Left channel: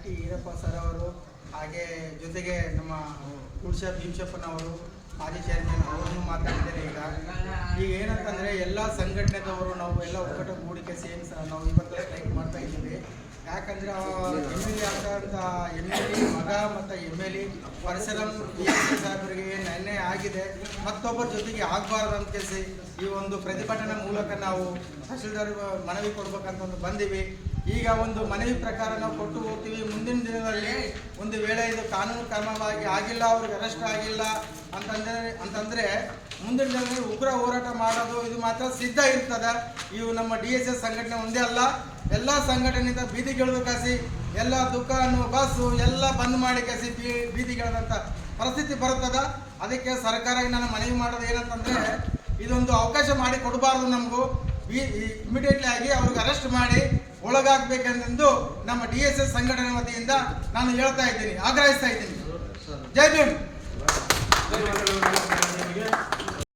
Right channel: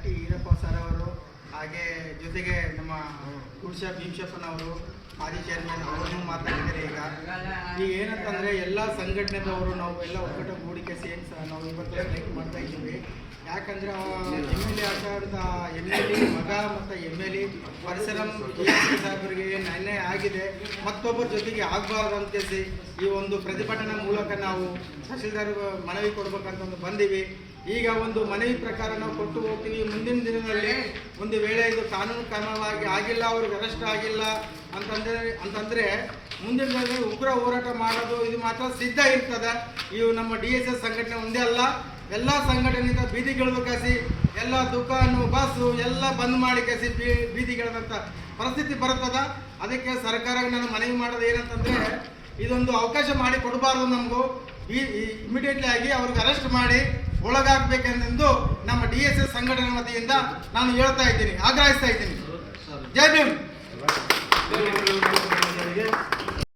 ಕಟ್ಟಿ ಈರಪ್ಪ ಸರ್ ಅವರು, ಹಾಗೆ ಜೊತೆಗೆ ನಮ್ಮ ಕುಡ್ಸ ಭೀಮಶಪ್ಪನವರು ಮಾಜಿ ಚೇರ್ಮನ್ ಅವರನ್ನು ಮಾತಾಡಿದ್ದಾರೆ. ಈಗ ಏನಂತಂದರೆ ಎಲ್ಲ ಸಂಘಟನೆದವರು ನಾವು ಎಲ್ಲ ಒಕ್ಕೂಟ ಗೂಡಿಕೆ ಸೇರಿಸಿ ನಾವು ಇವತ್ತು ಸ್ಟ್ರೈಕ್ ಮಾಡ್ತಾ ಇದ್ದೀವಿ. ಯಾಕಂದರೆ MLA ಆದಂಥ MLA ಮಗ ಮತ್ತು MLA ಪರಶುರಾಮ್ ಸಾಹೇಬರಿಗೆ ಅನ್ಯಾಯ ಆಗಿದೆ, ಮತ್ತೊಬ್ಬರ ಜೊತೆಗೆ ಆಗಬಾರ್ದು ಅಂತ ಕೇಳಿಸಿ ಈ ಒಂದು ಪ್ರತಿಭಟನೆ ಮೂಲಕ ನಾವು ತಹಶೀಲ್ದಾರ್ ಮನವಿ ಕೊಡ್ಬೇಕಂತ ಬಂದೀವಿ. ಈಗ ಒಂದು ಮನವಿ ಪ್ರಕಾರ ನಾವು ಕೊಟ್ಟು ಹೋಗ್ತೀವಿ. ಮುಂದಿನ ದಿನದಲ್ಲಿ ಒಂದು ವೇಳೆ ಇದು ಕಾನೂನು ಕ್ರಮವಾಗಿ ಆಗಿಲ್ಲ, ಅವ್ರಿಗೆ ಅರೆಸ್ಟ್ ಆಗಿಲ್ಲ ಅಂತಂದರೆ ಮುಂದಿನ ದಿನದಲ್ಲಿ ಉಗ್ರ ಹೋರಾಟ ಮಾಡೋದು ಇದು ಮಾತ್ರ ಸಿದ್ಧ ಇರ್ತದೆ. ಇವು ನಮ್ಮ DSS ಸಂಘಟನೆ ಒಂದೇ ಅಲ್ಲ, ಎಲ್ಲ ಸಂಘಟನೆಯಿಂದ ಬೀದಿಗಿಳಿದು ಕಸಿ ಎಲ್ಲ ದುಕಾನು ಬಸ್ಸು ಎಲ್ಲ ಬಂದ್ ಮಾಡಿ ಕಸಿ ಬೀದಿಗಿಳಿದಂಥ ಪರಿಸ್ಥಿತಿ ಬರ್ತದೆ. ಅದಕ್ಕೆ ಸರ್ಕಾರಕ್ಕೆ ನಾನು ಮನವಿ ಮಾಡೋದು ಏನಂತಂದರೆ ಇದೊಂದು ಅವಕಾಶ ಮಾಡಿ ಕೊಡಬಾರ್ದು, ನಮಗೂ ಇಮಿಡಿಯೇಟ್ಲಿ ಆಗಿ ಅವ್ರಿಗೆ ಅರೆಸ್ಟ್ ಮಾಡಿ ಒಳಗಾಗಬೇಕೆಂದು ನಮ್ಮ DSS ಸಂಘಟನೆ ವತಿಯಿಂದ ನಾನು ಹೇಳ್ತಾ ಇದ್ದೀನಿ, ಆಗ್ರಹಿಸ್ತಾ ಇದ್ದೀನಿ. ಜೈ ಭೀಮ್.